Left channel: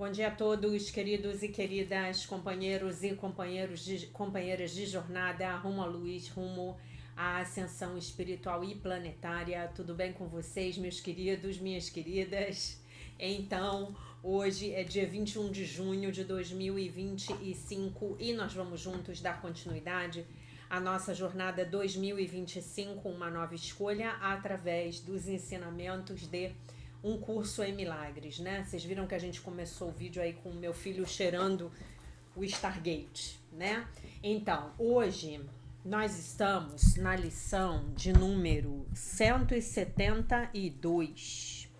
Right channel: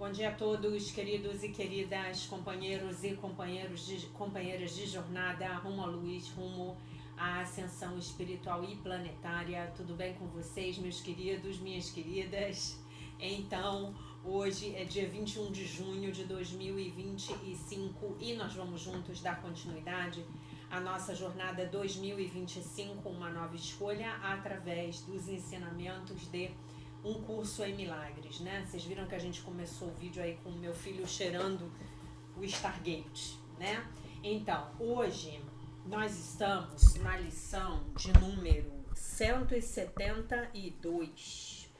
Bom dia a todos, queridos e queridas, companheiros e companheiras de jornada rumo à luz, rumo à ascensão espiritual e planetária. Tudo bem com vocês, meus queridos, minhas queridas? Então, hoje é dia 21 de junho de 2025 e nós vamos juntos dar continuidade à nossa jornada 2025, uma nova escolha, através dos ensinamentos de um curso em milagres, né? Vocês viram que a gente começou o vídeo aí com o meu filho cheirando o Stargate, né? Então, hoje nós estamos na lição de número 172.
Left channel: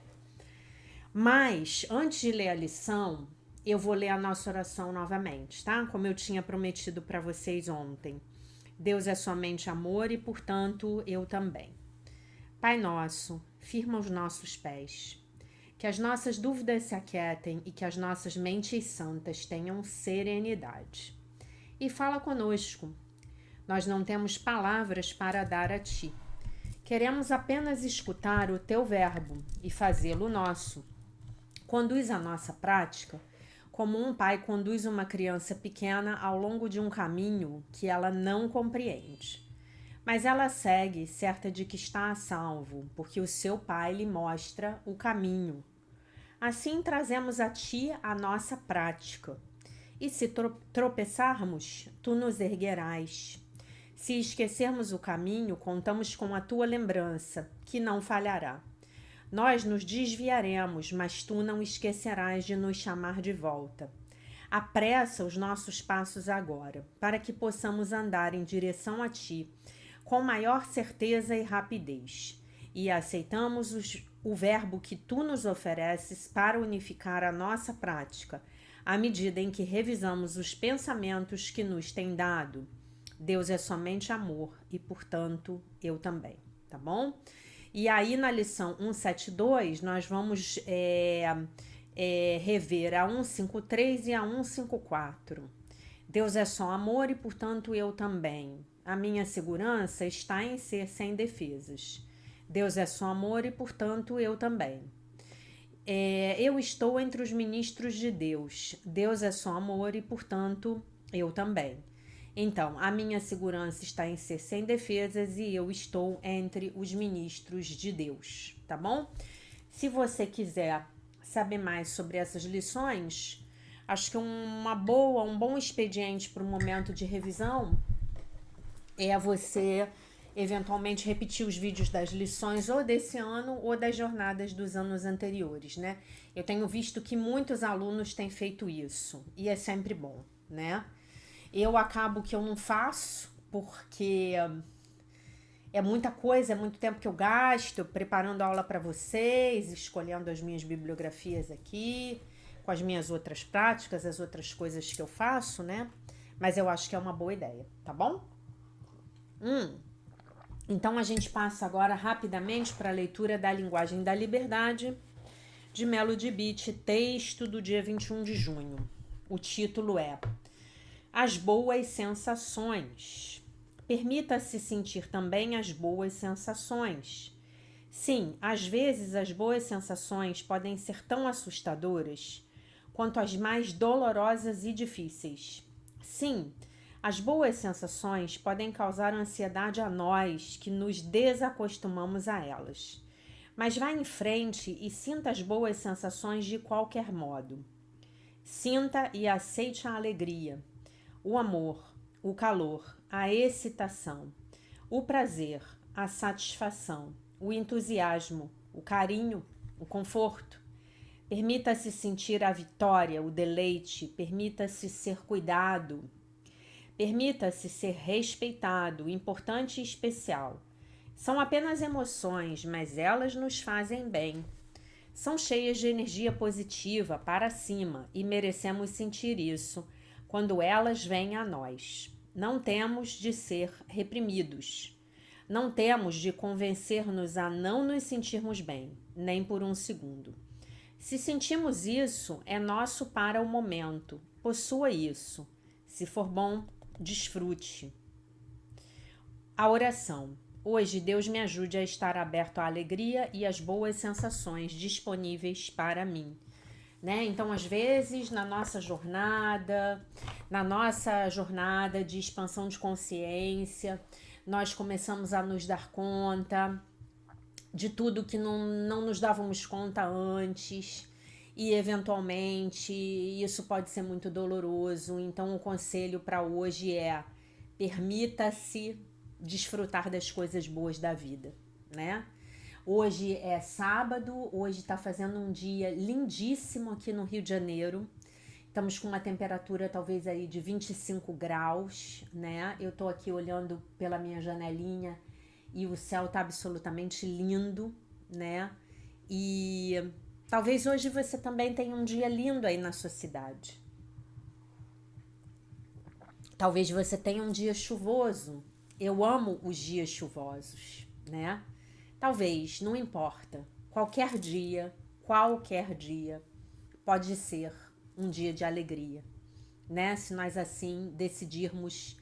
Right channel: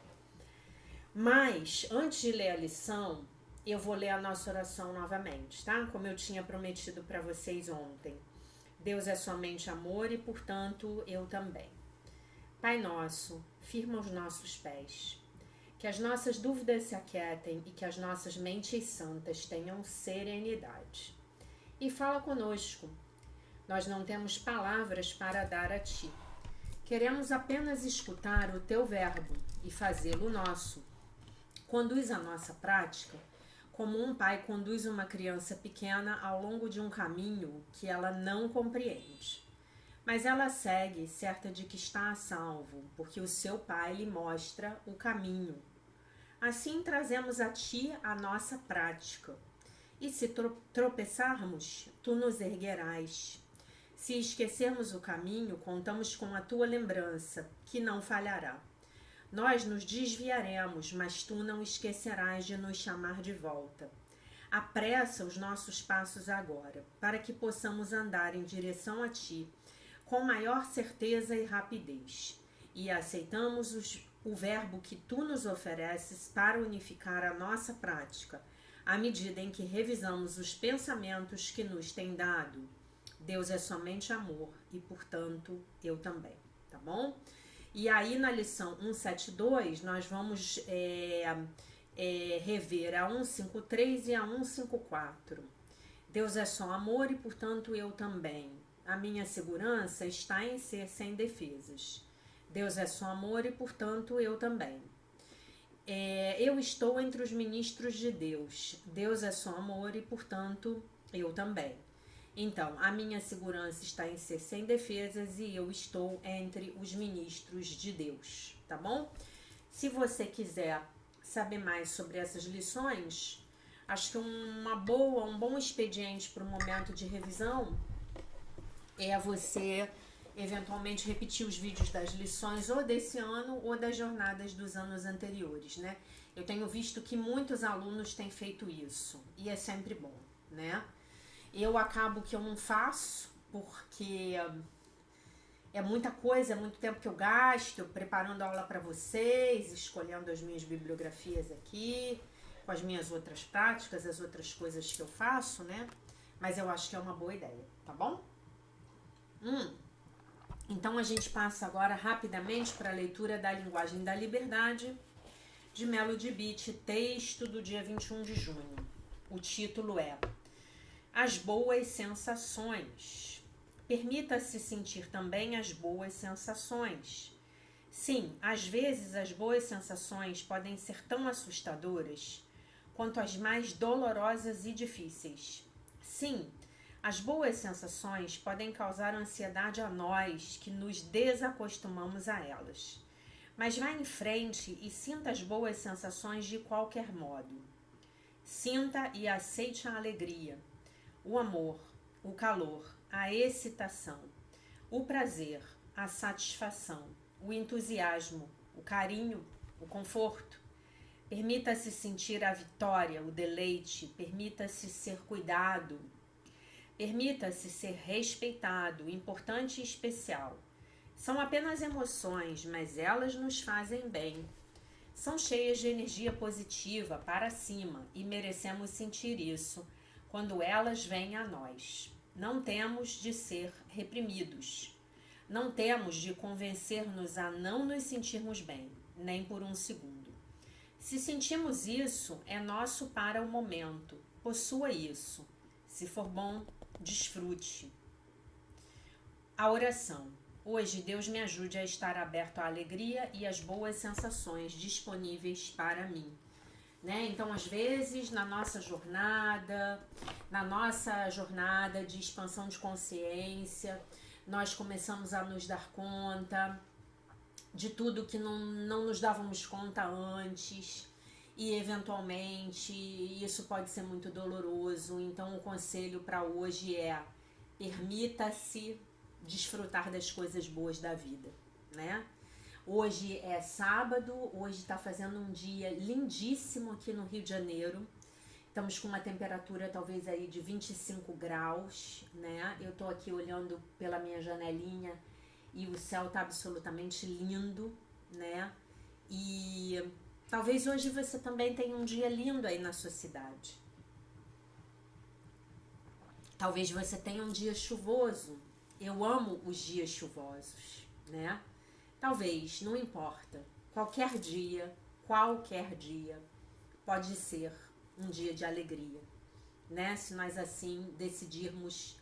Mas, antes de ler a lição, eu vou ler a nossa oração novamente, tá? Como eu tinha prometido para vocês ontem. Deus é somente amor e, portanto, eu também. Pai nosso, firma os nossos pés. Que as nossas dúvidas se aquietem e que as nossas mentes santas tenham serenidade. E fala conosco. Nós não temos palavras para dar a ti. Queremos apenas escutar o teu verbo e fazê-lo nosso. Conduz a nossa prática como um pai conduz uma criança pequena ao longo de um caminho que ela não compreende. Mas ela segue, certa de que está a salvo, porque o seu pai lhe mostra o caminho. Assim trazemos a ti a nossa prática. E se tropeçarmos, tu nos erguerás. Se esquecermos o caminho, contamos com a tua lembrança, que não falhará. Nós nos desviaremos, mas tu não esquecerás de nos chamar de volta. Apressa os nossos passos agora, para que possamos andar em direção a ti, com maior certeza e rapidez, e aceitamos o verbo que tu nos ofereces para unificar a nossa prática, à medida em que revisamos os pensamentos que nos tem dado. Deus é somente amor e, portanto, eu também, tá bom? E aí na lição 172 nós vamos rever a 153 e a 154. Deus é só amor e, portanto, eu também. A minha segurança está em ser sem defesas. Deus é só amor e, portanto, eu também. Eu estou entre os ministros de Deus. Deus é só amor e, portanto, eu também. Então, a minha segurança está em ser sem defesas e eu estou entre os ministros de Deus, tá bom? Se você quiser saber mais sobre essas lições, acho que um bom expediente para o momento de revisão é você eventualmente repetir os vídeos das lições ou desse ano ou das jornadas dos anos anteriores, né? Eu tenho visto que muitos alunos têm feito isso e é sempre bom, né? Eu acabo que eu não faço porque é muita coisa, é muito tempo que eu gasto preparando aula para vocês, escolhendo as minhas bibliografias aqui, com as minhas outras práticas, as outras coisas que eu faço, né? Mas eu acho que é uma boa ideia, tá bom? Então a gente passa agora rapidamente para a leitura da Linguagem da Liberdade, de Melody Beach, texto do dia 21 de junho. O título é As Boas Sensações. Permita-se sentir também as boas sensações. Sim, às vezes as boas sensações podem ser tão assustadoras quanto as mais dolorosas e difíceis. Sim, as boas sensações podem causar ansiedade a nós que nos desacostumamos a elas. Mas vá em frente e sinta as boas sensações de qualquer modo. Sinta e aceite a alegria, o amor, o calor, a excitação, o prazer, a satisfação, o entusiasmo, o carinho, o conforto. Permita-se sentir a vitória, o deleite, permita-se ser cuidado, permita-se ser respeitado, importante e especial. São apenas emoções, mas elas nos fazem bem. São cheias de energia positiva para cima e merecemos sentir isso quando elas vêm a nós. Não temos de ser reprimidos. Não temos de convencer-nos a não nos sentirmos bem, nem por um segundo. Se sentimos isso, é nosso para o momento. Possua isso. Se for bom, desfrute. A oração. Hoje, Deus me ajude a estar aberto à alegria e às boas sensações disponíveis para mim. né? Então, às vezes, na nossa jornada de expansão de consciência, nós começamos a nos dar conta de tudo que não nos dávamos conta antes, e eventualmente isso pode ser muito doloroso. Então, o conselho para hoje é: permita-se desfrutar das coisas boas da vida, né? Hoje é sábado, hoje está fazendo um dia lindíssimo aqui no Rio de Janeiro. Estamos com uma temperatura talvez aí de 25 graus, né? Eu tô aqui olhando pela minha janelinha e o céu tá absolutamente lindo, né? E talvez hoje você também tenha um dia lindo aí na sua cidade. Talvez você tenha um dia chuvoso. Eu amo os dias chuvosos, né? Talvez, não importa. Qualquer dia pode ser um dia de alegria, né? Se nós assim decidirmos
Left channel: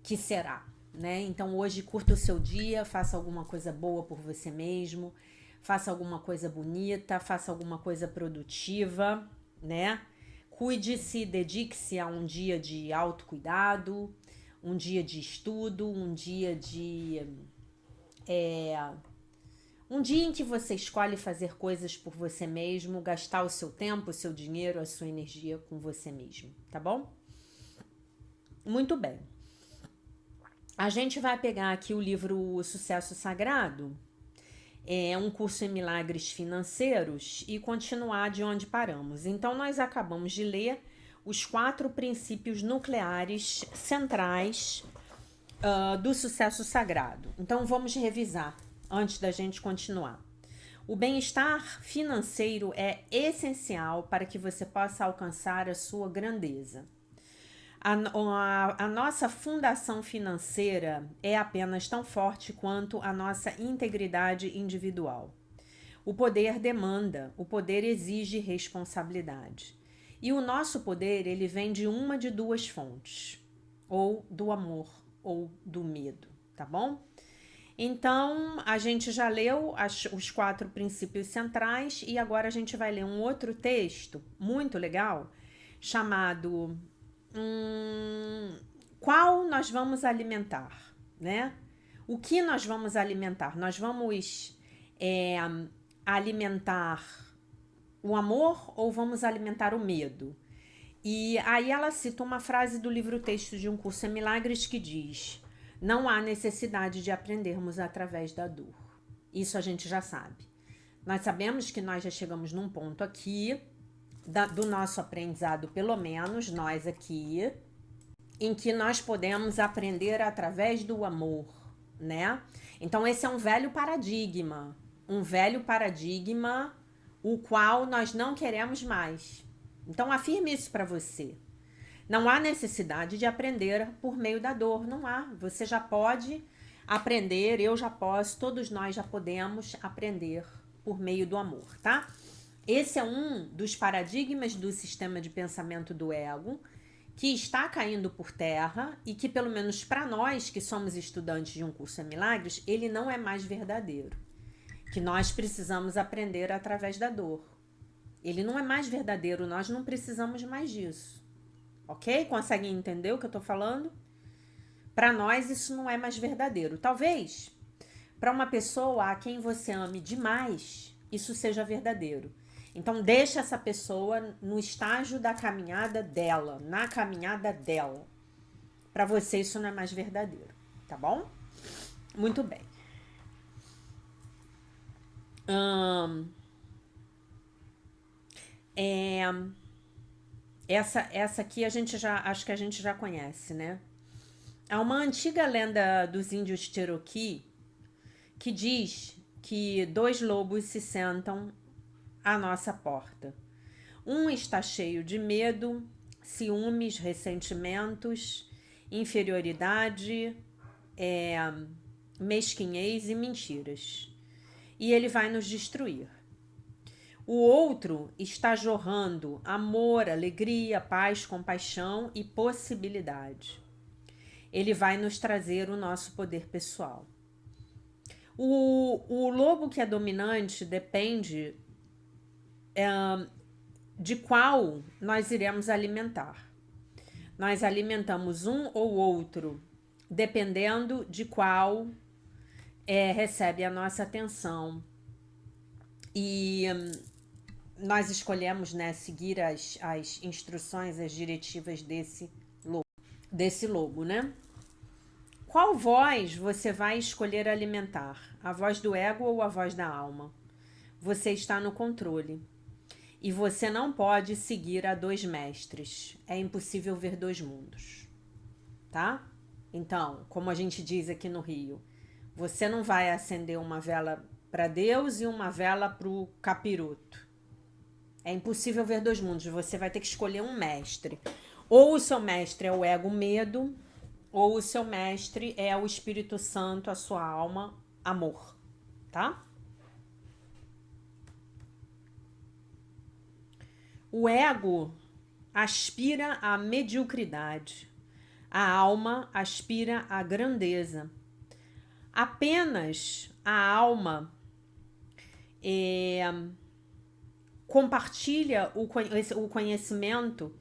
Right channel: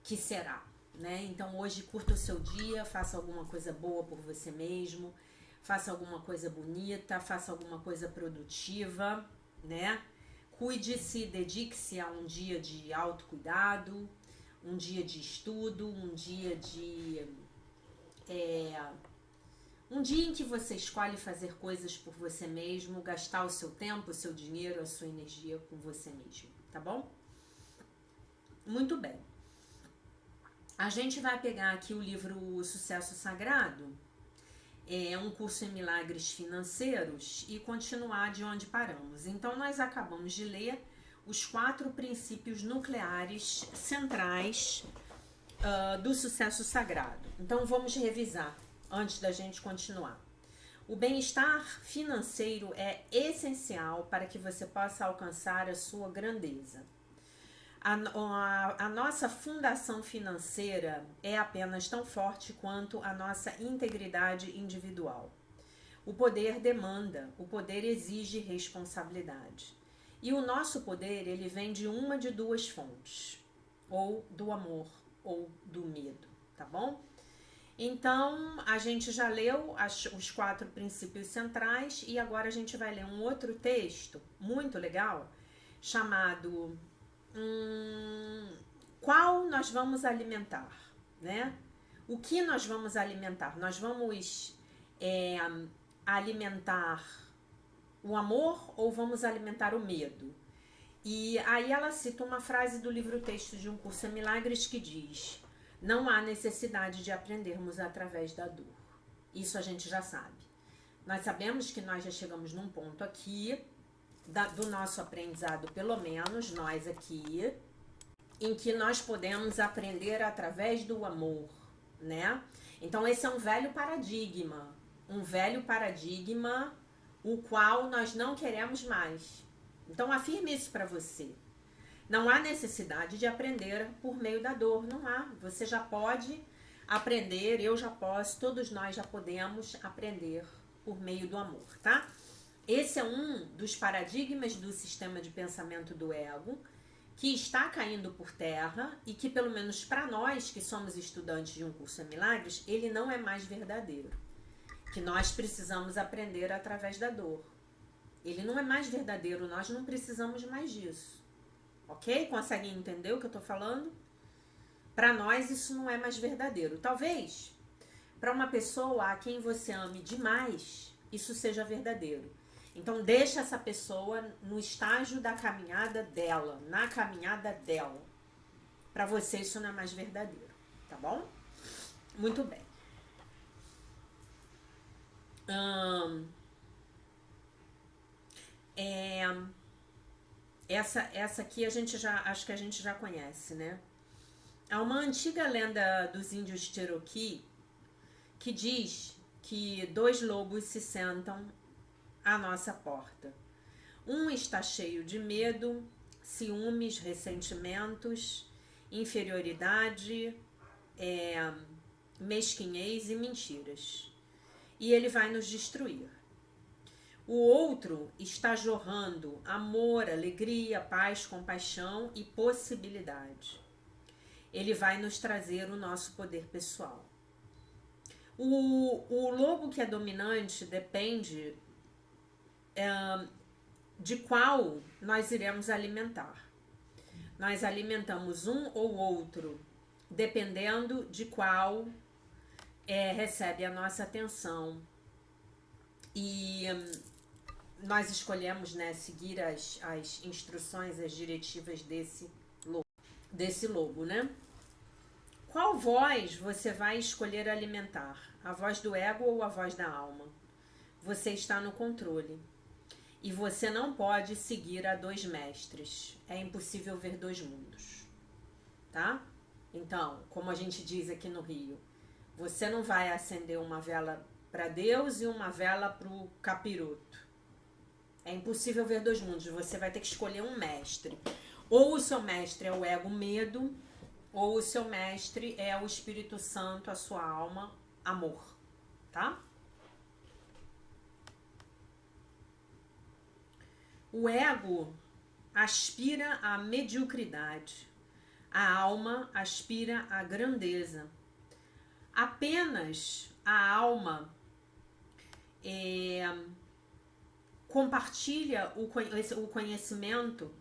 que será, né? Então hoje curta o seu dia, faça alguma coisa boa por você mesmo, faça alguma coisa bonita, faça alguma coisa produtiva, né? Cuide-se, dedique-se a um dia de autocuidado, um dia de estudo, um dia em que você escolhe fazer coisas por você mesmo, gastar o seu tempo, o seu dinheiro, a sua energia com você mesmo, tá bom? Muito bem. A gente vai pegar aqui o livro O Sucesso Sagrado, é um curso em milagres financeiros, e continuar de onde paramos. Então, nós acabamos de ler os 4 princípios nucleares centrais do sucesso sagrado. Então, vamos revisar antes da gente continuar. O bem-estar financeiro é essencial para que você possa alcançar a sua grandeza. A nossa fundação financeira é apenas tão forte quanto a nossa integridade individual. O poder demanda, o poder exige responsabilidade. E o nosso poder, ele vem de uma de 2 fontes, ou do amor ou do medo, tá bom? Então, a gente já leu os 4 princípios centrais e agora a gente vai ler um outro texto muito legal chamado qual nós vamos alimentar, né? O que nós vamos alimentar? Nós vamos alimentar o amor ou vamos alimentar o medo? E aí ela cita uma frase do livro Texto de um Curso em Milagres que diz: não há necessidade de aprendermos através da dor. Isso a gente já sabe. Nós sabemos que nós já chegamos num ponto aqui do nosso aprendizado, pelo menos nós aqui, em que nós podemos aprender através do amor, né? Então esse é um velho paradigma, o qual nós não queremos mais. Então afirme isso para você. Não há necessidade de aprender por meio da dor, não há. Você já pode aprender, eu já posso, todos nós já podemos aprender por meio do amor, tá? Esse é um dos paradigmas do sistema de pensamento do ego que está caindo por terra e que, pelo menos para nós que somos estudantes de um curso em milagres, ele não é mais verdadeiro. Que nós precisamos aprender através da dor. Ele não é mais verdadeiro, nós não precisamos mais disso. Ok? Conseguem entender o que eu tô falando? Para nós isso não é mais verdadeiro. Talvez para uma pessoa a quem você ame demais, isso seja verdadeiro. Então deixa essa pessoa no estágio da caminhada dela, na caminhada dela. Para você isso não é mais verdadeiro, tá bom? Muito bem. Essa aqui acho que a gente já conhece, né? Há uma antiga lenda dos índios Cherokee que diz que 2 lobos se sentam à nossa porta. Um está cheio de medo, ciúmes, ressentimentos, inferioridade, mesquinhez e mentiras. E ele vai nos destruir. O outro está jorrando amor, alegria, paz, compaixão e possibilidade. Ele vai nos trazer o nosso poder pessoal. O lobo que é dominante depende de qual nós iremos alimentar. Nós alimentamos um ou outro, dependendo de qual recebe a nossa atenção. E nós escolhemos, né, seguir as instruções, as diretivas desse lobo, né? Qual voz você vai escolher alimentar? A voz do ego ou a voz da alma? Você está no controle. E você não pode seguir a dois mestres. É impossível ver dois mundos. Tá? Então, como a gente diz aqui no Rio, você não vai acender uma vela para Deus e uma vela para o capiroto. É impossível ver dois mundos. Você vai ter que escolher um mestre. Ou o seu mestre é o ego medo, ou o seu mestre é o Espírito Santo, a sua alma, amor. Tá? O ego aspira à mediocridade. A alma aspira à grandeza. Apenas a alma compartilha o conhecimento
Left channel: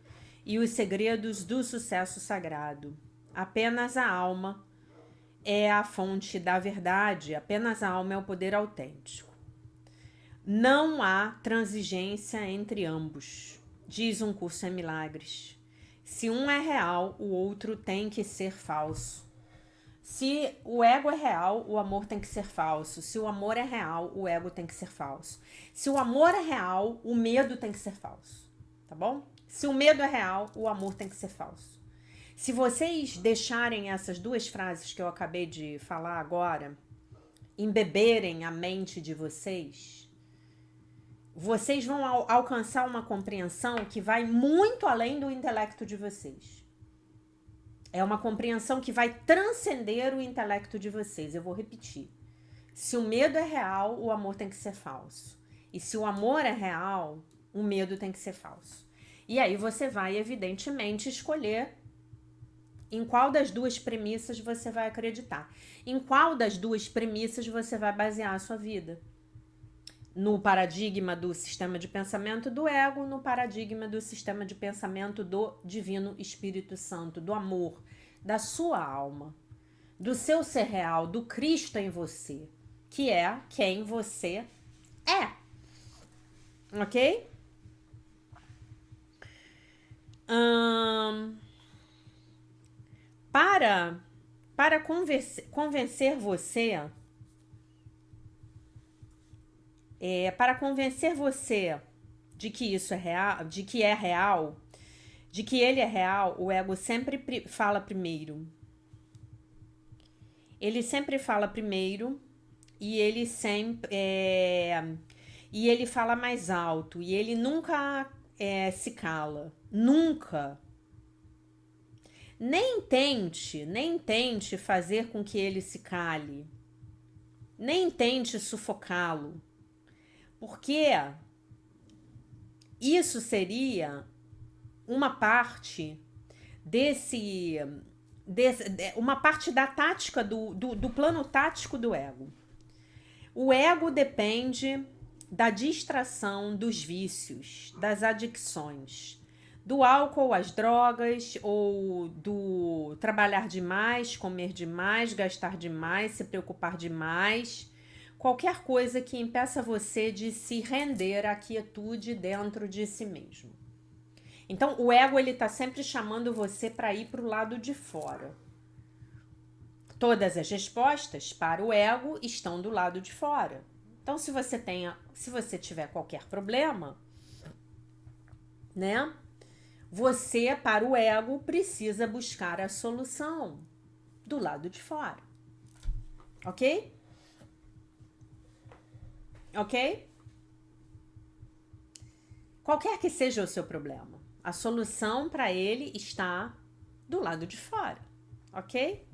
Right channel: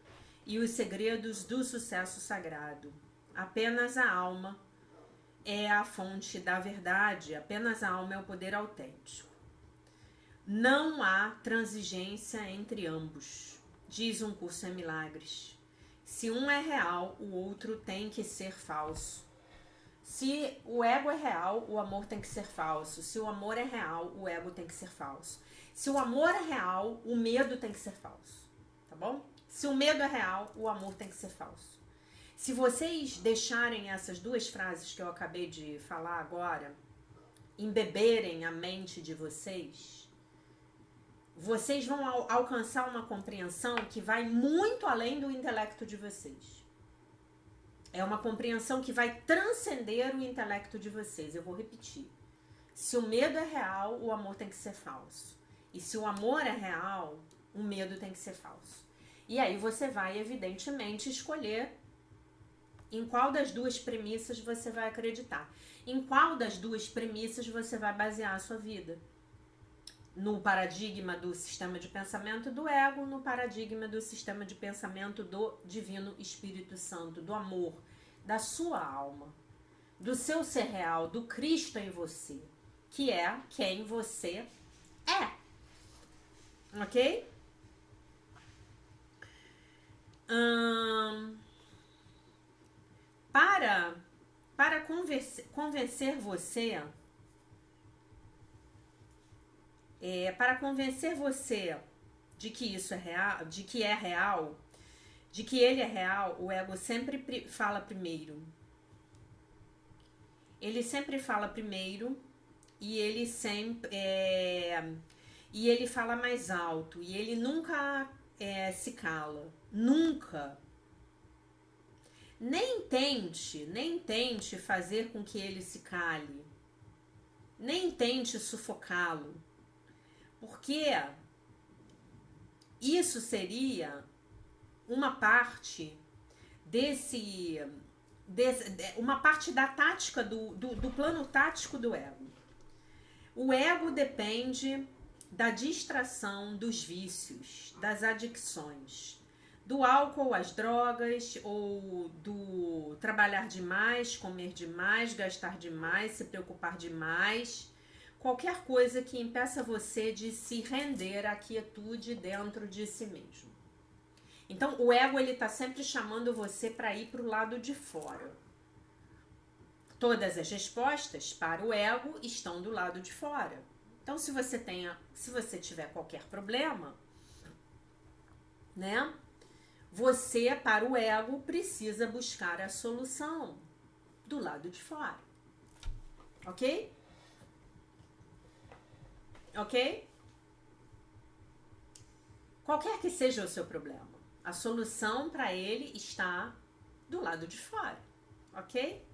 e os segredos do sucesso sagrado. Apenas a alma é a fonte da verdade, apenas a alma é o poder autêntico. Não há transigência entre ambos, diz um curso em milagres. Se um é real, o outro tem que ser falso. Se o ego é real, o amor tem que ser falso. Se o amor é real, o ego tem que ser falso. Se o amor é real, o medo tem que ser falso. Tá bom? Se o medo é real, o amor tem que ser falso. Se vocês deixarem essas duas frases que eu acabei de falar agora embeberem a mente de vocês, vocês vão alcançar uma compreensão que vai muito além do intelecto de vocês. É uma compreensão que vai transcender o intelecto de vocês. Eu vou repetir. Se o medo é real, o amor tem que ser falso. E se o amor é real, o medo tem que ser falso. E aí você vai, evidentemente, escolher em qual das duas premissas você vai acreditar. Em qual das duas premissas você vai basear a sua vida. No paradigma do sistema de pensamento do ego, no paradigma do sistema de pensamento do Divino Espírito Santo, do amor, da sua alma, do seu ser real, do Cristo em você, que é quem você é. Ok? Para convencer você... para convencer você de que isso é real, de que é real, de que ele é real, o ego sempre fala primeiro. Ele sempre fala primeiro e ele sempre e ele fala mais alto e ele nunca se cala, nunca. Nem tente fazer com que ele se cale, nem tente sufocá-lo. Porque isso seria uma parte uma parte da tática do plano tático do ego. O ego depende da distração dos vícios, das adicções, do álcool, as drogas, ou do trabalhar demais, comer demais, gastar demais, se preocupar demais. Qualquer coisa que impeça você de se render à quietude dentro de si mesmo. Então, o ego, ele tá sempre chamando você para ir para o lado de fora. Todas as respostas para o ego estão do lado de fora. Então, se você tiver qualquer problema, né? Você, para o ego, precisa buscar a solução do lado de fora. Ok? Ok? Qualquer que seja o seu problema, a solução para ele está do lado de fora. Ok?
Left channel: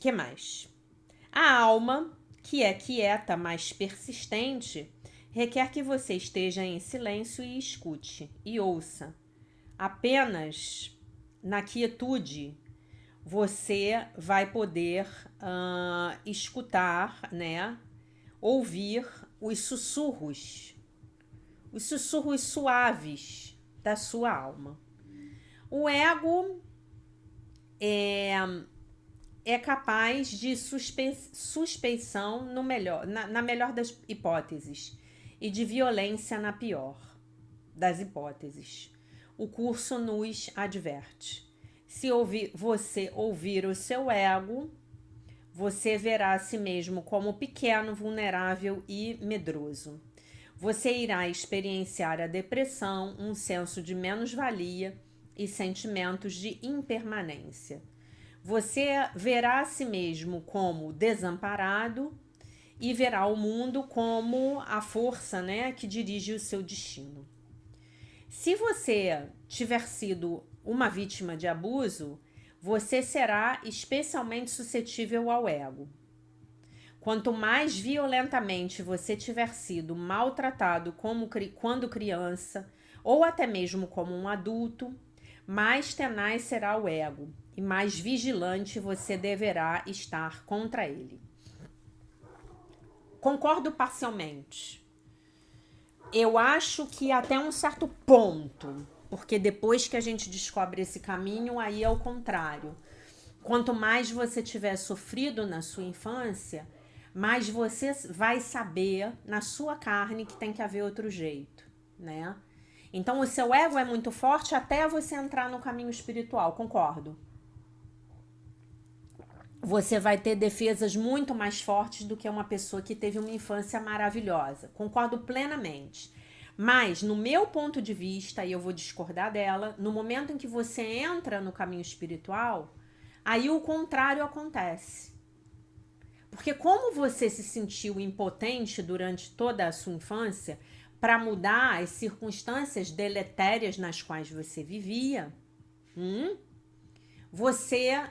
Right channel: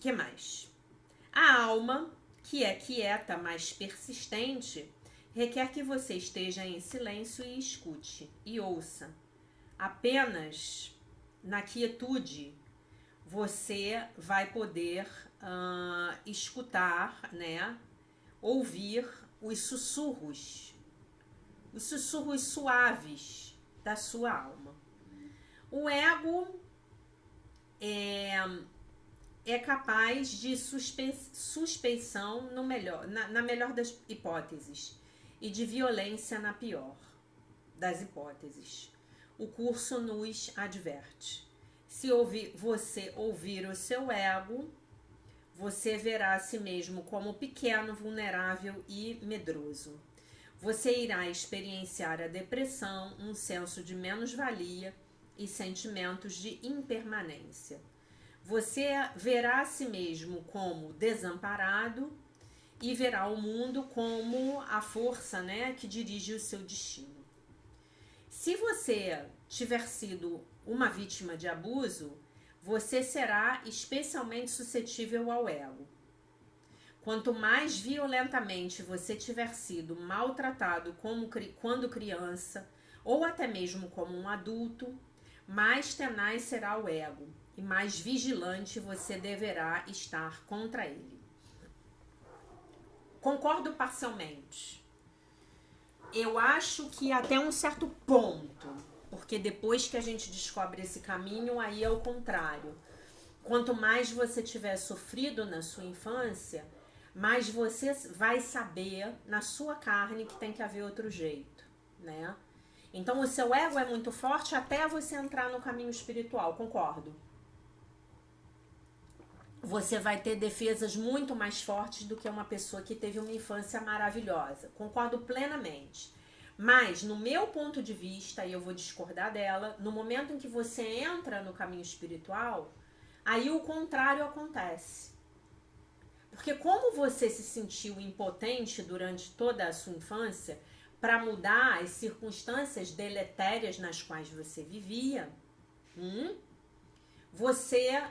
Que mais? A alma, que é quieta, mas persistente, requer que você esteja em silêncio e escute e ouça. Apenas na quietude você vai poder escutar, né? Ouvir os sussurros suaves da sua alma. O ego é capaz de suspeição na melhor das hipóteses e de violência na pior das hipóteses. O curso nos adverte. Se você ouvir o seu ego, você verá a si mesmo como pequeno, vulnerável e medroso. Você irá experienciar a depressão, um senso de menos-valia e sentimentos de impermanência. Você verá a si mesmo como desamparado e verá o mundo como a força, né, que dirige o seu destino. Se você tiver sido uma vítima de abuso, você será especialmente suscetível ao ego. Quanto mais violentamente você tiver sido maltratado quando criança, ou até mesmo como um adulto, mais tenaz será o ego e mais vigilante você deverá estar contra ele. Concordo parcialmente. Eu acho que até um certo ponto, porque depois que a gente descobre esse caminho, aí é o contrário. Quanto mais você tiver sofrido na sua infância, mais você vai saber na sua carne que tem que haver outro jeito, né? Então o seu ego é muito forte até você entrar no caminho espiritual, concordo. Você vai ter defesas muito mais fortes do que uma pessoa que teve uma infância maravilhosa. Concordo plenamente. Mas, no meu ponto de vista, e eu vou discordar dela, no momento em que você entra no caminho espiritual, aí o contrário acontece. Porque como você se sentiu impotente durante toda a sua infância para mudar as circunstâncias deletérias nas quais você vivia, você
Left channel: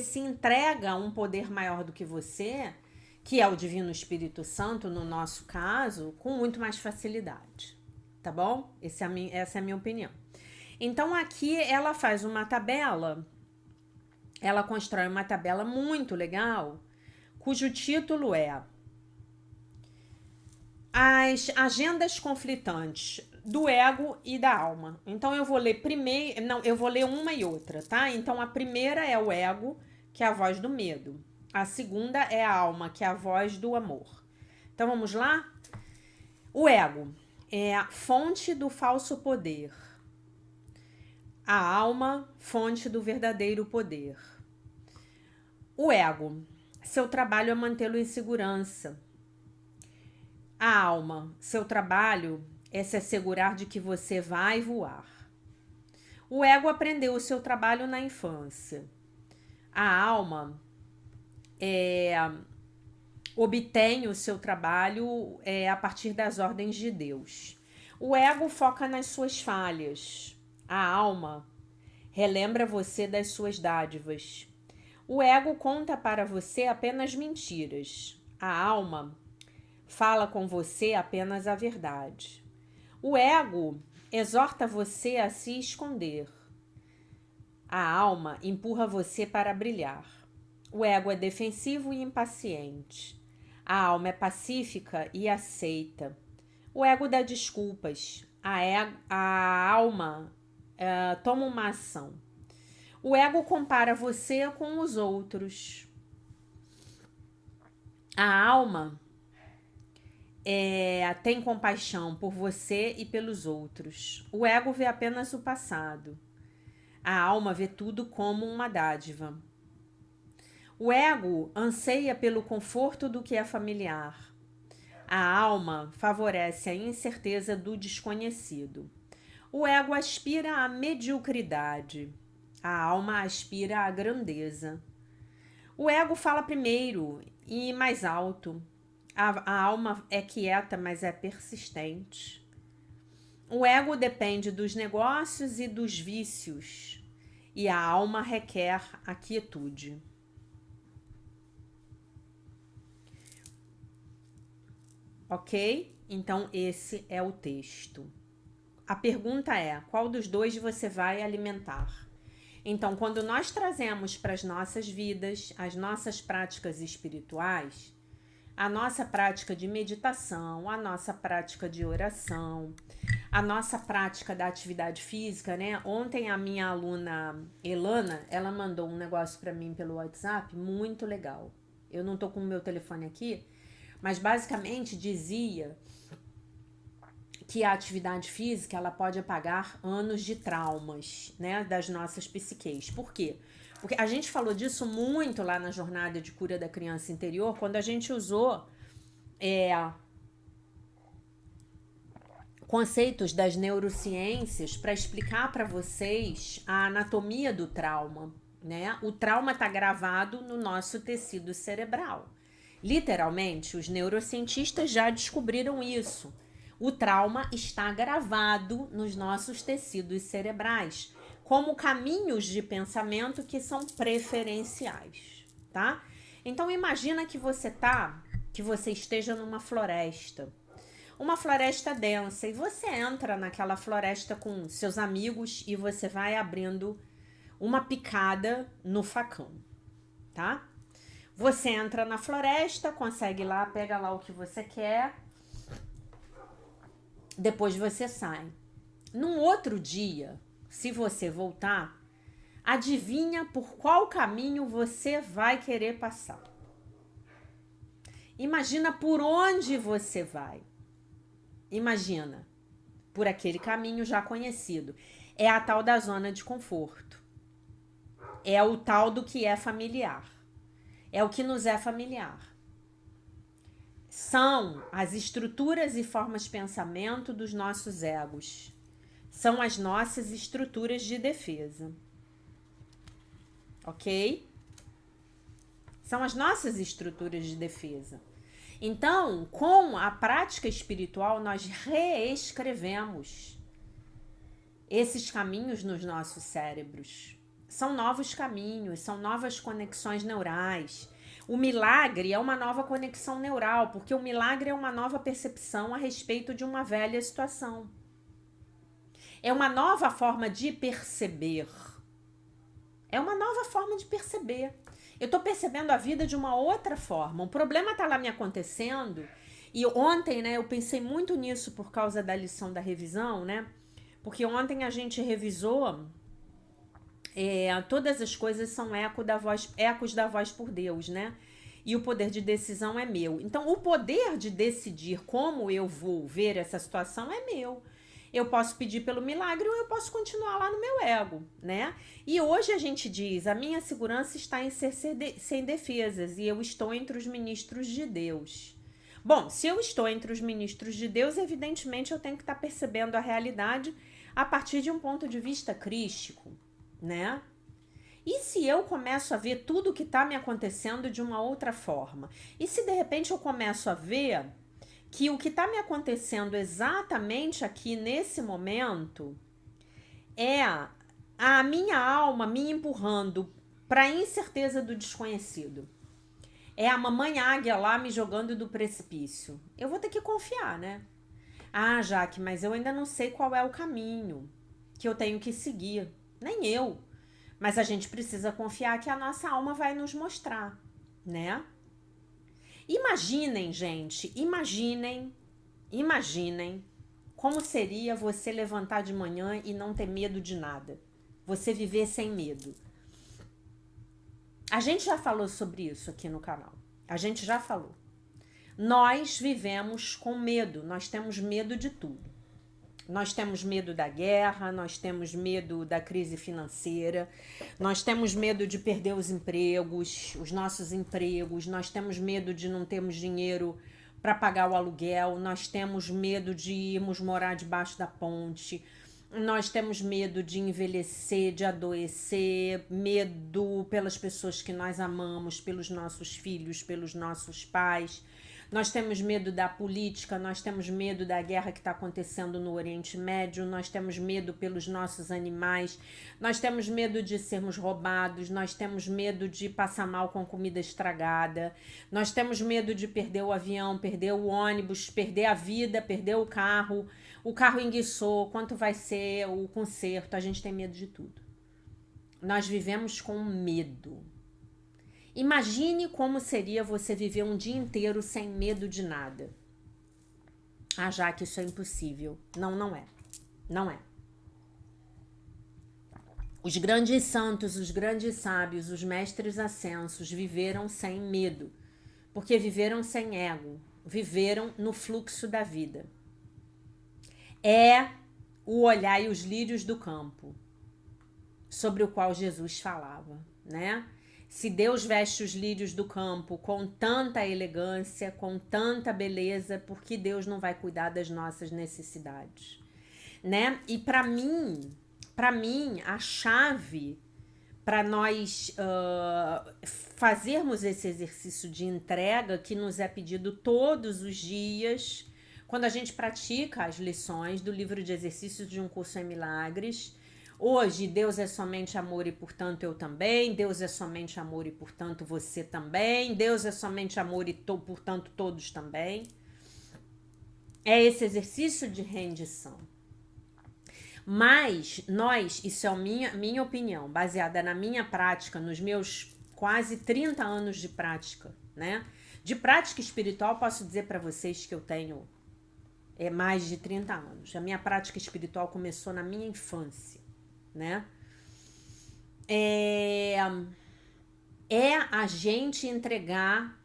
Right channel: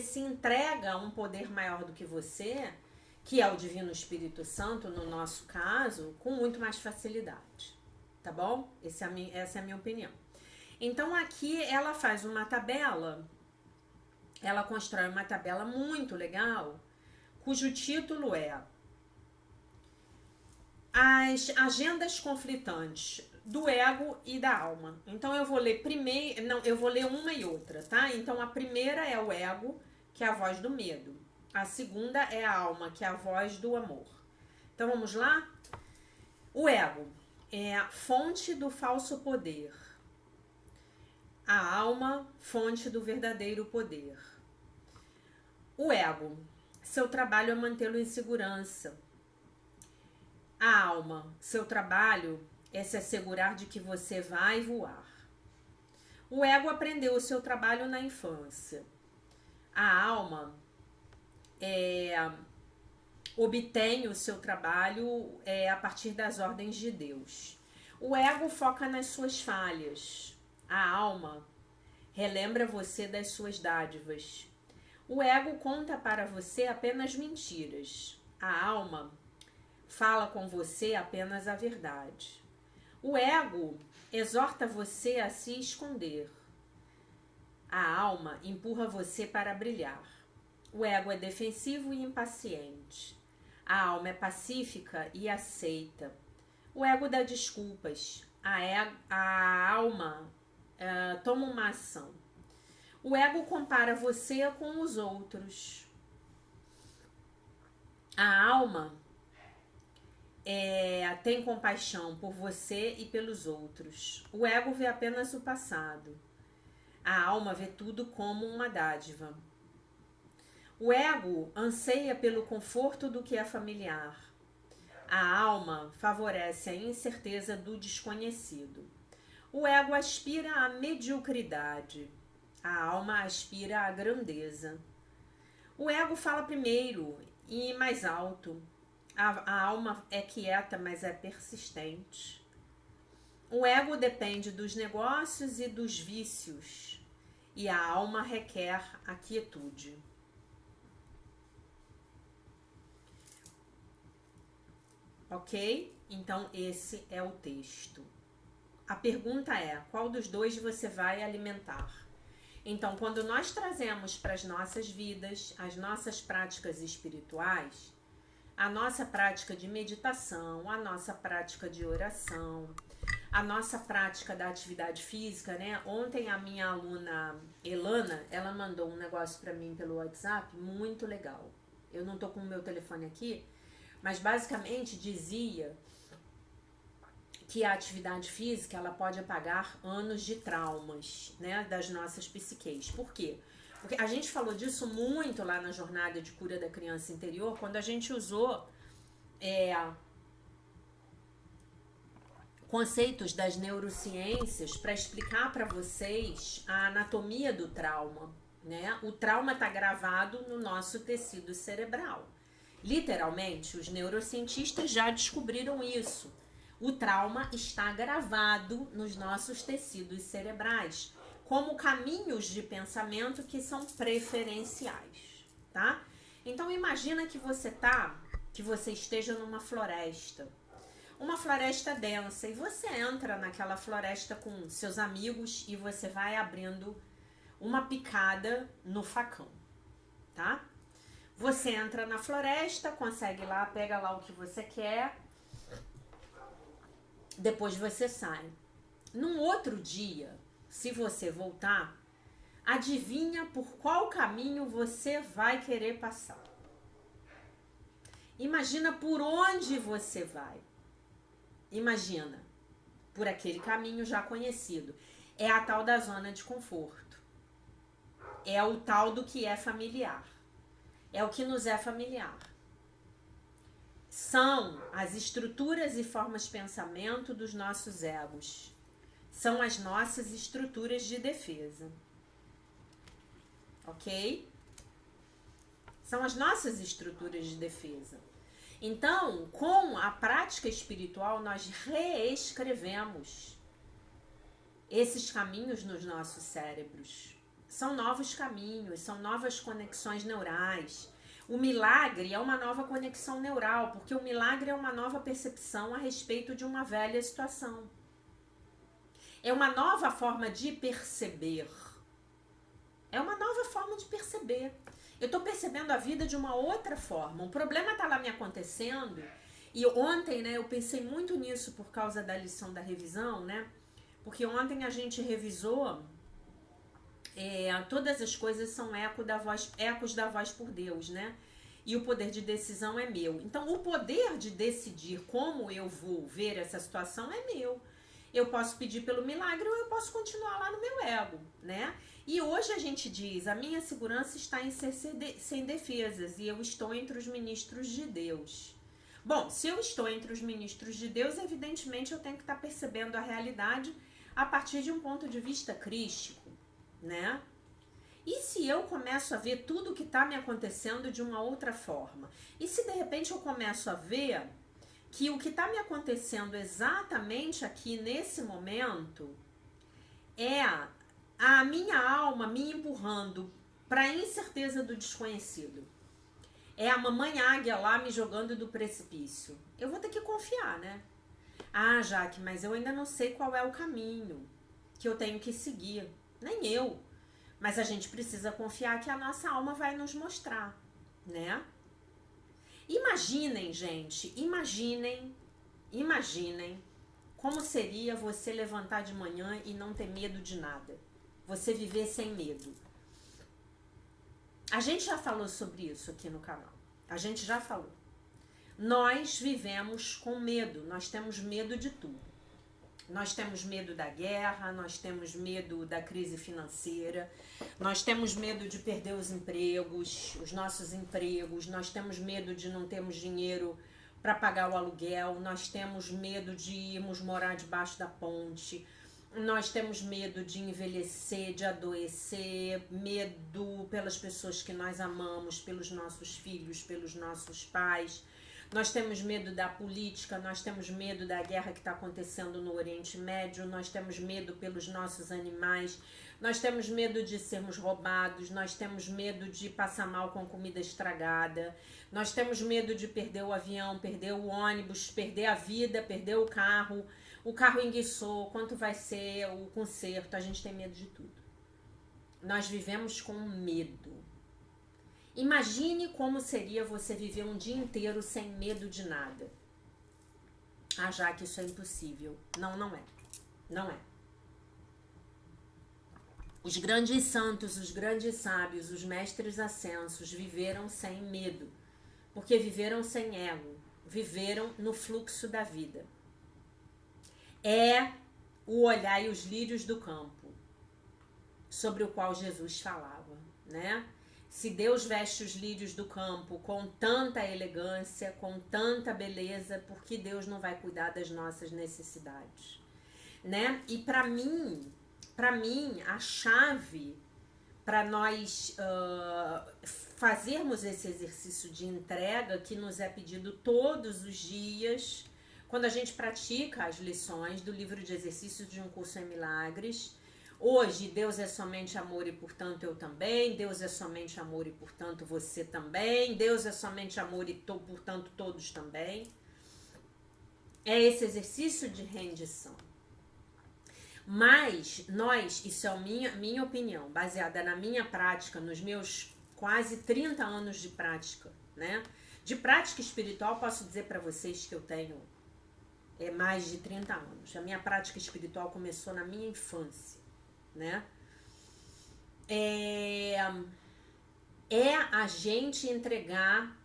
se entrega a um poder maior do que você, que é o Divino Espírito Santo, no nosso caso, com muito mais facilidade. Tá bom? Essa é a minha opinião. Então, aqui ela faz uma tabela, ela constrói uma tabela muito legal, cujo título é As Agendas Conflitantes do Ego e da Alma. Então eu vou ler eu vou ler uma e outra, tá? Então a primeira é o ego, que é a voz do medo. A segunda é a alma, que é a voz do amor. Então vamos lá? O ego é a fonte do falso poder. A alma, fonte do verdadeiro poder. O ego, seu trabalho é mantê-lo em segurança. A alma, seu trabalho é se assegurar de que você vai voar. O ego aprendeu o seu trabalho na infância. A alma obtém o seu trabalho a partir das ordens de Deus. O ego foca nas suas falhas. A alma relembra você das suas dádivas. O ego conta para você apenas mentiras. A alma fala com você apenas a verdade. O ego exorta você a se esconder. A alma empurra você para brilhar. O ego é defensivo e impaciente. A alma é pacífica e aceita. O ego dá desculpas. A alma toma uma ação. O ego compara você com os outros. A alma tem compaixão por você e pelos outros. O ego vê apenas o passado. A alma vê tudo como uma dádiva. O ego anseia pelo conforto do que é familiar. A alma favorece a incerteza do desconhecido. O ego aspira à mediocridade. A alma aspira à grandeza. O ego fala primeiro e mais alto. A alma é quieta, mas é persistente. O ego depende dos negócios e dos vícios, e a alma requer a quietude. Ok? Então, esse é o texto. A pergunta é: qual dos dois você vai alimentar? Então, quando nós trazemos para as nossas vidas as nossas práticas espirituais, a nossa prática de meditação, a nossa prática de oração, a nossa prática da atividade física, né? Ontem a minha aluna Elana, ela mandou um negócio para mim pelo WhatsApp muito legal. Eu não tô com o meu telefone aqui, mas basicamente dizia que a atividade física ela pode apagar anos de traumas, né, das nossas psiques. Por quê? Porque a gente falou disso muito lá na jornada de cura da criança interior, quando a gente usou conceitos das neurociências para explicar para vocês a anatomia do trauma, né? O trauma está gravado no nosso tecido cerebral. Literalmente, os neurocientistas já descobriram isso. O trauma está gravado nos nossos tecidos cerebrais, como caminhos de pensamento que são preferenciais, tá? Então imagina que você esteja numa floresta. Uma floresta densa, e você entra naquela floresta com seus amigos e você vai abrindo uma picada no facão, tá? Você entra na floresta, consegue lá, pega lá o que você quer, depois você sai. Num outro dia, se você voltar, adivinha por qual caminho você vai querer passar. Imagina por onde você vai. Imagina, por aquele caminho já conhecido. É a tal da zona de conforto. É o tal do que é familiar. É o que nos é familiar. São as estruturas e formas de pensamento dos nossos egos. São as nossas estruturas de defesa. Ok? São as nossas estruturas de defesa. Então, com a prática espiritual, nós reescrevemos esses caminhos nos nossos cérebros. São novos caminhos, são novas conexões neurais. O milagre é uma nova conexão neural, porque o milagre é uma nova percepção a respeito de uma velha situação. É uma nova forma de perceber. É uma nova forma de perceber. Eu tô percebendo a vida de uma outra forma. Um problema tá lá me acontecendo. E ontem, né, eu pensei muito nisso por causa da lição da revisão, né? Porque ontem a gente revisou todas as coisas são ecos da voz por Deus, né? E o poder de decisão é meu. Então, o poder de decidir como eu vou ver essa situação é meu. Eu posso pedir pelo milagre ou eu posso continuar lá no meu ego, né? E hoje a gente diz, a minha segurança está em ser sem defesas e eu estou entre os ministros de Deus. Bom, se eu estou entre os ministros de Deus, evidentemente eu tenho que estar percebendo a realidade a partir de um ponto de vista crístico, né? E se eu começo a ver tudo que está me acontecendo de uma outra forma? E se de repente eu começo a ver que o que está me acontecendo exatamente aqui nesse momento é a minha alma me empurrando para a incerteza do desconhecido. É a mamãe águia lá me jogando do precipício. Eu vou ter que confiar, né? Ah, Jaque, mas eu ainda não sei qual é o caminho que eu tenho que seguir. Nem eu. Mas a gente precisa confiar que a nossa alma vai nos mostrar, né? Imaginem, gente, imaginem como seria você levantar de manhã e não ter medo de nada. Você viver sem medo. A gente já falou sobre isso aqui no canal. A gente já falou. Nós vivemos com medo, nós temos medo de tudo. Nós temos medo da guerra, nós temos medo da crise financeira, nós temos medo de perder os empregos, os nossos empregos, nós temos medo de não termos dinheiro para pagar o aluguel, nós temos medo de irmos morar debaixo da ponte, nós temos medo de envelhecer, de adoecer, medo pelas pessoas que nós amamos, pelos nossos filhos, pelos nossos pais. Nós temos medo da política, nós temos medo da guerra que está acontecendo no Oriente Médio, nós temos medo pelos nossos animais, nós temos medo de sermos roubados, nós temos medo de passar mal com comida estragada, nós temos medo de perder o avião, perder o ônibus, perder a vida, perder o carro enguiçou, quanto vai ser o conserto, a gente tem medo de tudo. Nós vivemos com medo. Imagine como seria você viver um dia inteiro sem medo de nada. Ah, já que isso é impossível. Não, não é. Não é. Os grandes santos, os grandes sábios, os mestres ascensos viveram sem medo, porque viveram sem ego, viveram no fluxo da vida. É o olhar e os lírios do campo, sobre o qual Jesus falava, né? Se Deus veste os lírios do campo com tanta elegância, com tanta beleza, por que Deus não vai cuidar das nossas necessidades, né? E para mim, a chave para nós fazermos esse exercício de entrega que nos é pedido todos os dias, quando a gente pratica as lições do livro de exercícios de Um Curso em Milagres. Hoje, Deus é somente amor e, portanto, eu também. Deus é somente amor e, portanto, você também. Deus é somente amor e, portanto, todos também. É esse exercício de rendição. Mas nós, isso é minha opinião, baseada na minha prática, nos meus quase 30 anos de prática, né? De prática espiritual, posso dizer para vocês que eu tenho mais de 30 anos. A minha prática espiritual começou na minha infância, né? É a gente entregar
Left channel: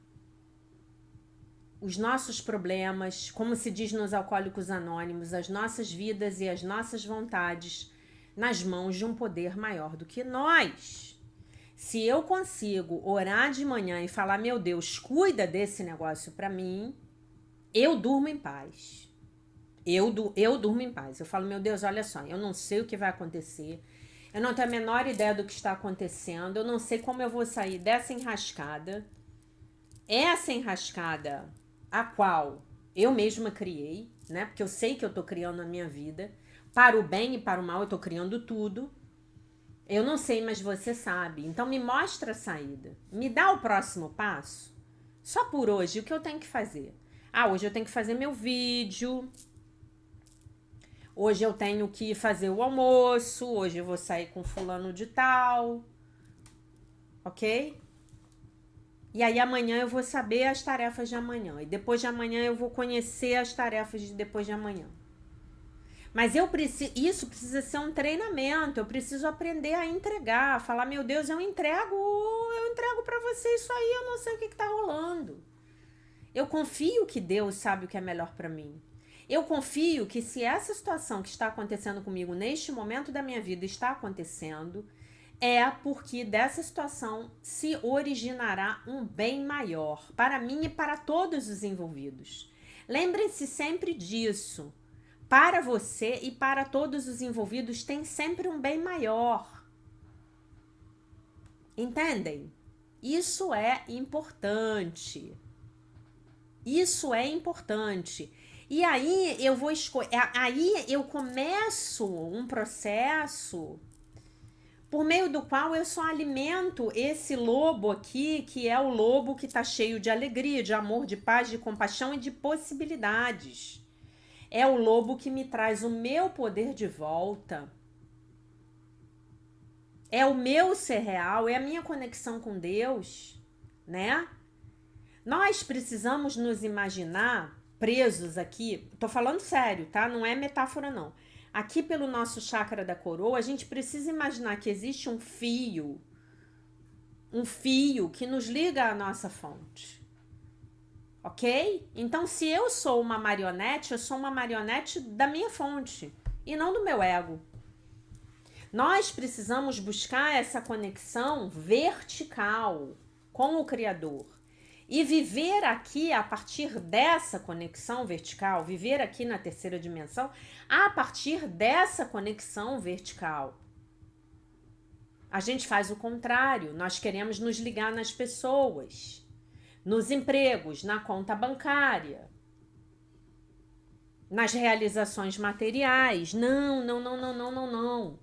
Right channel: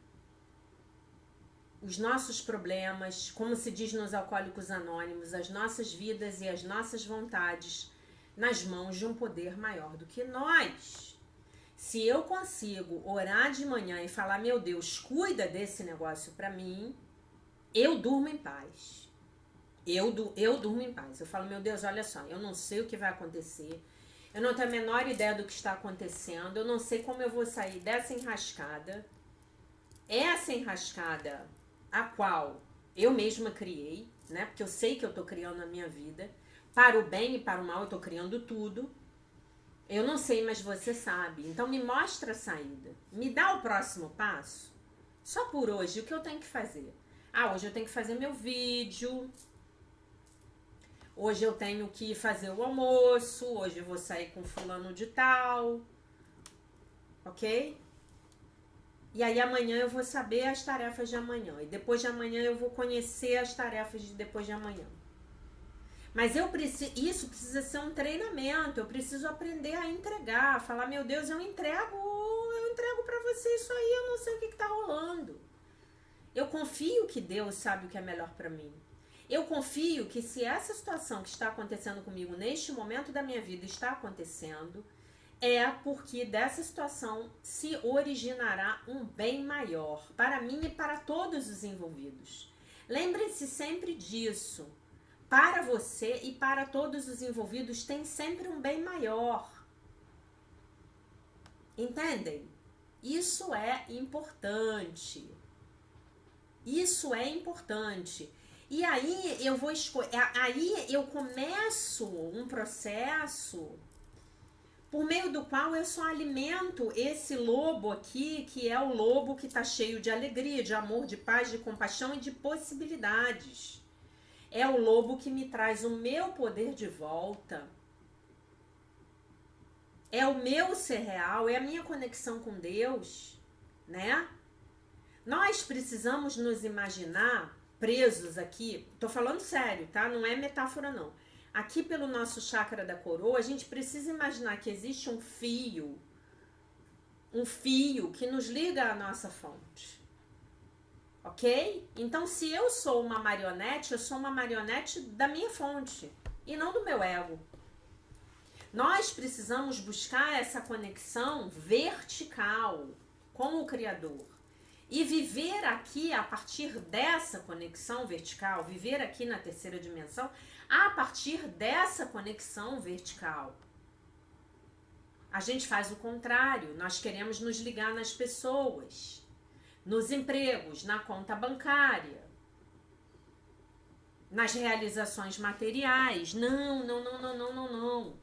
os nossos problemas, como se diz nos Alcoólicos Anônimos, as nossas vidas e as nossas vontades nas mãos de um poder maior do que nós. Se eu consigo orar de manhã e falar, meu Deus, cuida desse negócio para mim, eu durmo em paz. Eu durmo em paz. Eu falo, meu Deus, olha só, eu não sei o que vai acontecer, eu não tenho a menor ideia do que está acontecendo, eu não sei como eu vou sair dessa enrascada. Essa enrascada a qual eu mesma criei, né? Porque eu sei que eu tô criando na minha vida. Para o bem e para o mal eu tô criando tudo. Eu não sei, mas você sabe. Então me mostra a saída. Me dá o próximo passo. Só por hoje, o que eu tenho que fazer? Ah, hoje eu tenho que fazer meu vídeo. Hoje eu tenho que fazer o almoço. Hoje eu vou sair com fulano de tal. Ok? E aí amanhã eu vou saber as tarefas de amanhã. E depois de amanhã eu vou conhecer as tarefas de depois de amanhã. Mas isso precisa ser um treinamento. Eu preciso aprender a entregar. Falar, meu Deus, eu entrego pra você isso aí. Eu não sei o que tá rolando. Eu confio que Deus sabe o que é melhor pra mim. Eu confio que se essa situação que está acontecendo comigo neste momento da minha vida está acontecendo, é porque dessa situação se originará um bem maior para mim e para todos os envolvidos. Lembre-se sempre disso. Para você e para todos os envolvidos tem sempre um bem maior. Entendem? Isso é importante. Isso é importante. E aí aí eu começo um processo por meio do qual eu só alimento esse lobo aqui, que é o lobo que está cheio de alegria, de amor, de paz, de compaixão e de possibilidades. É o lobo que me traz o meu poder de volta. É o meu ser real, é a minha conexão com Deus, né? Nós precisamos nos imaginar presos aqui, tô falando sério, tá? Não é metáfora não. Aqui pelo nosso chakra da coroa, a gente precisa imaginar que existe um fio que nos liga à nossa fonte. Ok? Então, se eu sou uma marionete, eu sou uma marionete da minha fonte e não do meu ego. Nós precisamos buscar essa conexão vertical com o Criador. E viver aqui a partir dessa conexão vertical, viver aqui na terceira dimensão, a partir dessa conexão vertical. A gente faz o contrário, nós queremos nos ligar nas pessoas, nos empregos, na conta bancária, nas realizações materiais. Não.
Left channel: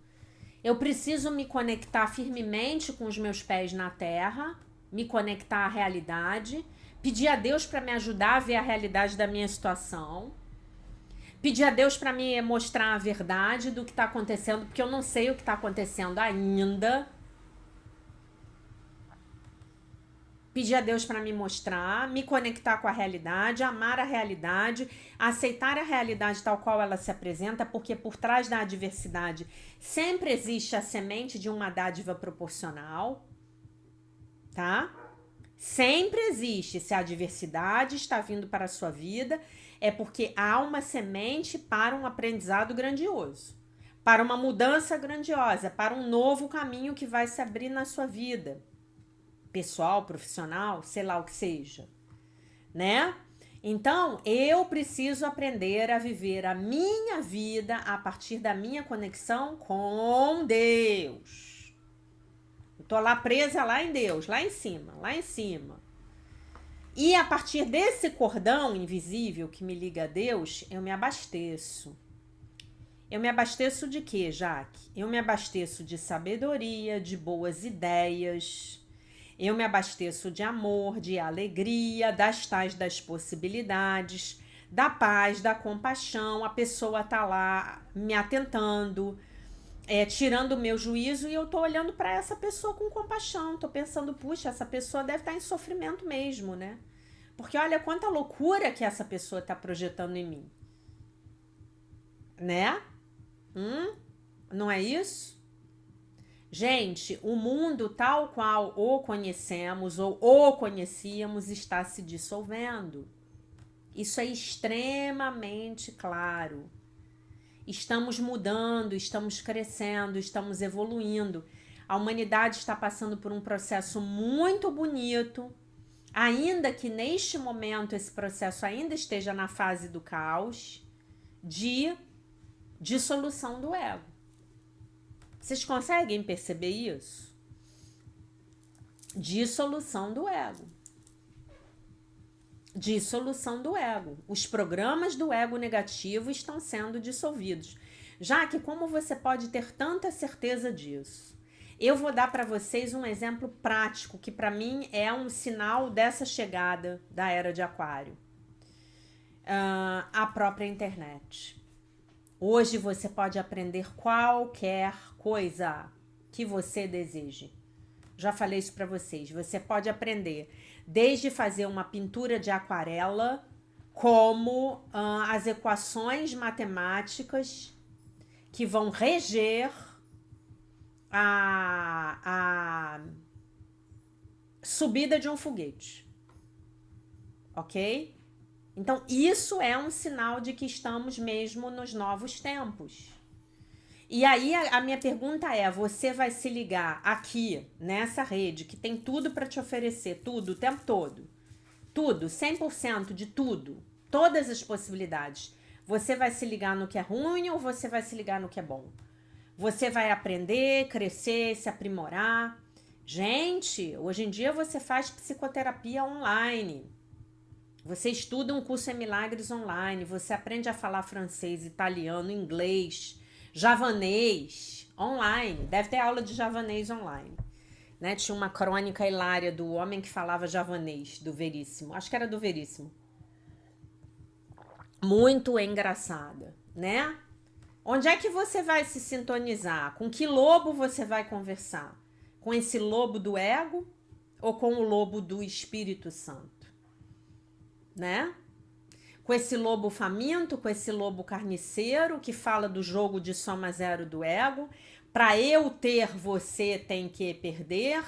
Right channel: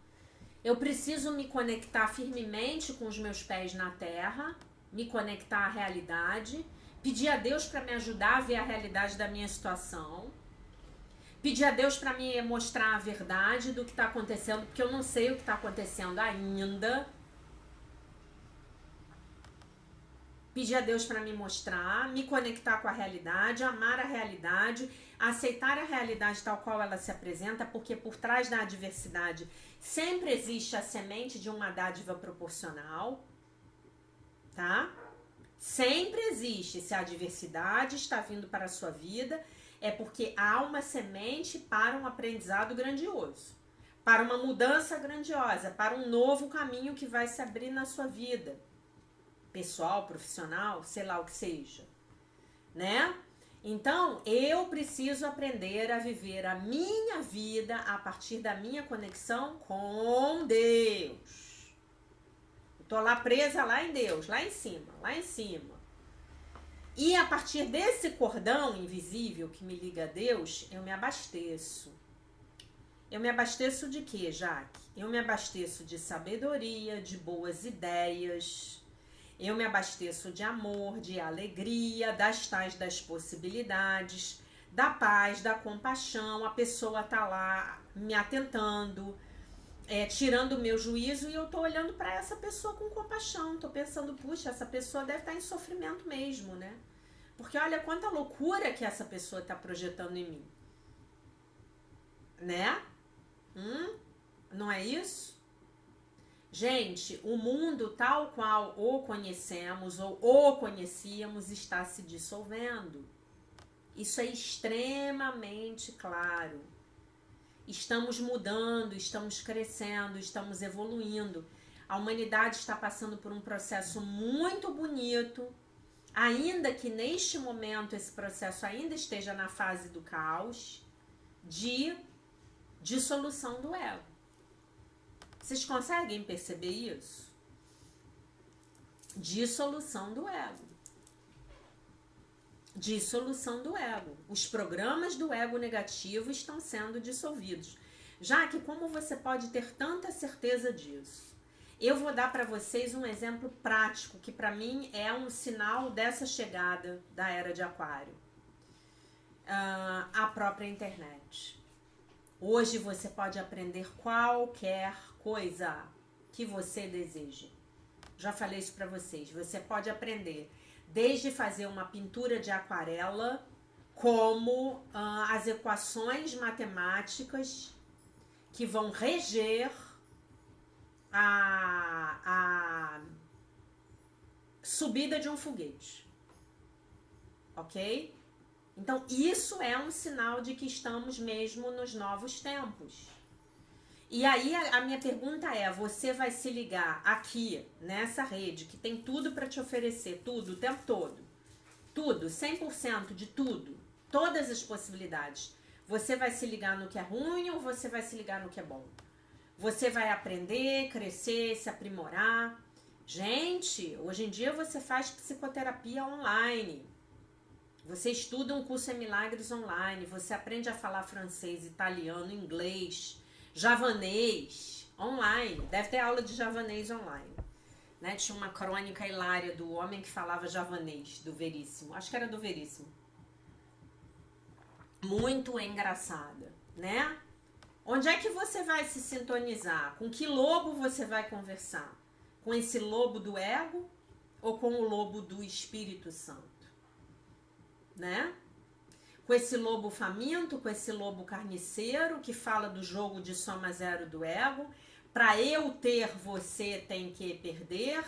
Eu preciso me conectar firmemente com os meus pés na terra, me conectar à realidade, pedir a Deus para me ajudar a ver a realidade da minha situação, pedir a Deus para me mostrar a verdade do que está acontecendo, porque eu não sei o que está acontecendo ainda. pedir a Deus para me mostrar, me conectar com a realidade, amar a realidade, aceitar a realidade tal qual ela se apresenta, porque por trás da adversidade sempre existe a semente de uma dádiva proporcional, tá? Sempre existe. Se a adversidade está vindo para a sua vida, é porque há uma semente para um aprendizado grandioso, para uma mudança grandiosa, para um novo caminho que vai se abrir na sua vida, pessoal, profissional, sei lá o que seja, né? Então, eu preciso aprender a viver a minha vida a partir da minha conexão com Deus. Eu tô lá presa lá em Deus, lá em cima, lá em cima. E a partir desse cordão invisível que me liga a Deus, eu me abasteço. Eu me abasteço de quê, Jaque? Eu me abasteço de sabedoria, de boas ideias. Eu me abasteço de amor, de alegria, das tais das possibilidades, da paz, da compaixão. A pessoa tá lá me atentando, tirando o meu juízo, e eu tô olhando para essa pessoa com compaixão. Tô pensando, puxa, essa pessoa deve estar em sofrimento mesmo, né? Porque olha quanta loucura que essa pessoa tá projetando em mim. Né? Não é isso? Gente, o mundo tal qual o conhecemos ou o conhecíamos está se dissolvendo. Isso é extremamente claro. Estamos mudando, estamos crescendo, estamos evoluindo. A humanidade está passando por um processo muito bonito, ainda que neste momento esse processo ainda esteja na fase do caos, de dissolução do ego. Vocês conseguem perceber isso? Dissolução do ego. Dissolução do ego. Os programas do ego negativo estão sendo dissolvidos. Já que como você pode ter tanta certeza disso? Eu vou dar para vocês um exemplo prático que para mim é um sinal dessa chegada da era de Aquário. A própria internet. Hoje você pode aprender qualquer coisa que você deseje. Já falei isso para vocês. Você pode aprender desde fazer uma pintura de aquarela, como as equações matemáticas que vão reger a subida de um foguete. Ok? Então, isso é um sinal de que estamos mesmo nos novos tempos. E aí, a minha pergunta é, você vai se ligar aqui, nessa rede, que tem tudo para te oferecer, tudo, o tempo todo. Tudo, 100% de tudo. Todas as possibilidades. Você vai se ligar no que é ruim ou você vai se ligar no que é bom? Você vai aprender, crescer, se aprimorar. Gente, hoje em dia você faz psicoterapia online. Você estuda um curso em milagres online, você aprende a falar francês, italiano, inglês, javanês online. Deve ter aula de javanês online. Né? Tinha uma crônica hilária do homem que falava javanês, do Veríssimo. Acho que era do Veríssimo. Muito engraçada, né? Onde é que você vai se sintonizar? Com que lobo você vai conversar? Com esse lobo do ego ou com o lobo do Espírito Santo? Né? Com esse lobo faminto, com esse lobo carniceiro que fala do jogo de soma zero do ego. Para eu ter, você tem que perder.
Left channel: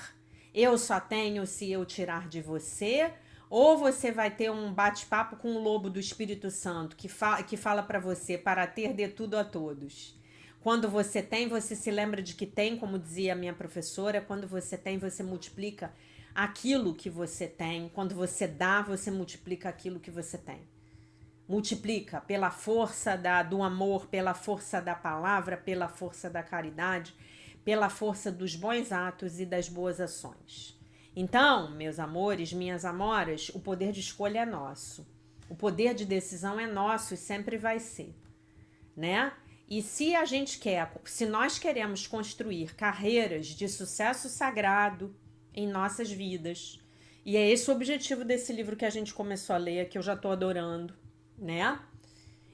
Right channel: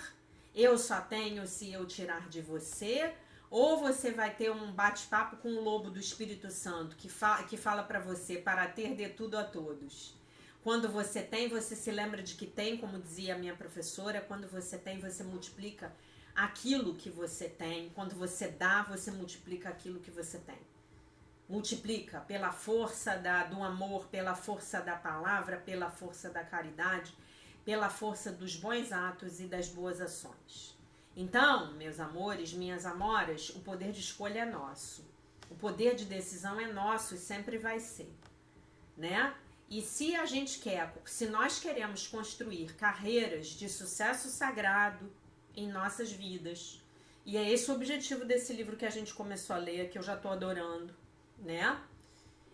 Eu só tenho se eu tirar de você. Ou você vai ter um bate-papo com o lobo do Espírito Santo que fala para você, para ter, dê tudo a todos. Quando você tem, você se lembra de que tem, como dizia a minha professora. Quando você tem, você multiplica aquilo que você tem. Quando você dá, você multiplica aquilo que você tem. Multiplica pela força do amor, pela força da palavra, pela força da caridade, pela força dos bons atos e das boas ações. Então, meus amores, minhas amoras, o poder de escolha é nosso. O poder de decisão é nosso e sempre vai ser, né? E se a gente se nós queremos construir carreiras de sucesso sagrado em nossas vidas, e é esse o objetivo desse livro que a gente começou a ler, que eu já tô adorando, né?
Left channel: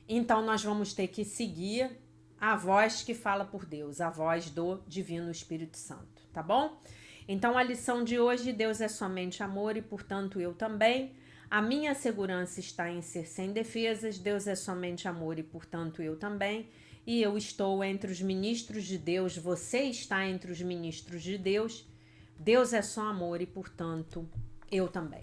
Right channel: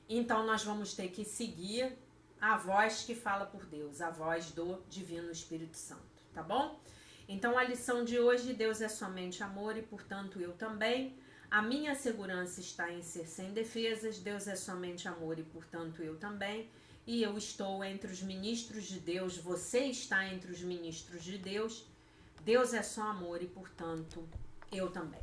Então nós vamos ter que seguir a voz que fala por Deus, a voz do Divino Espírito Santo, tá bom? Então, a lição de hoje: Deus é somente amor e, portanto, eu também. A minha segurança está em ser sem defesas. Deus é somente amor e, portanto, eu também. E eu estou entre os ministros de Deus. Você está entre os ministros de Deus. Deus é só amor e, portanto, eu também,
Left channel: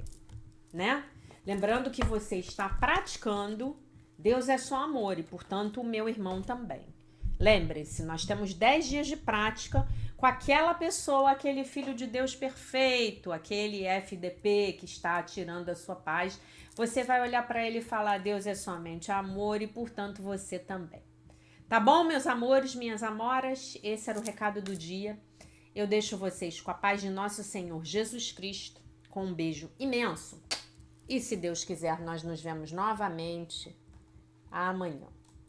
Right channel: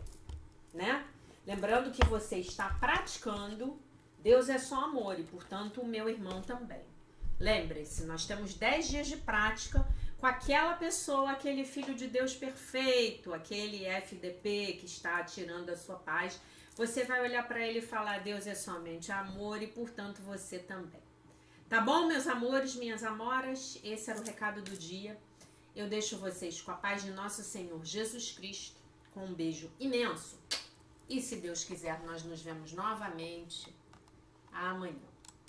né? Lembrando que você está praticando. Deus é só amor e, portanto, o meu irmão também. Lembre-se, nós temos 10 dias de prática com aquela pessoa, aquele filho de Deus perfeito, aquele FDP que está tirando a sua paz. Você vai olhar para ele e falar: Deus é somente amor e, portanto, você também. Tá bom, meus amores, minhas amoras? Esse era o recado do dia. Eu deixo vocês com a paz de nosso Senhor Jesus Cristo, com um beijo imenso. E se Deus quiser, nós nos vemos novamente amanhã.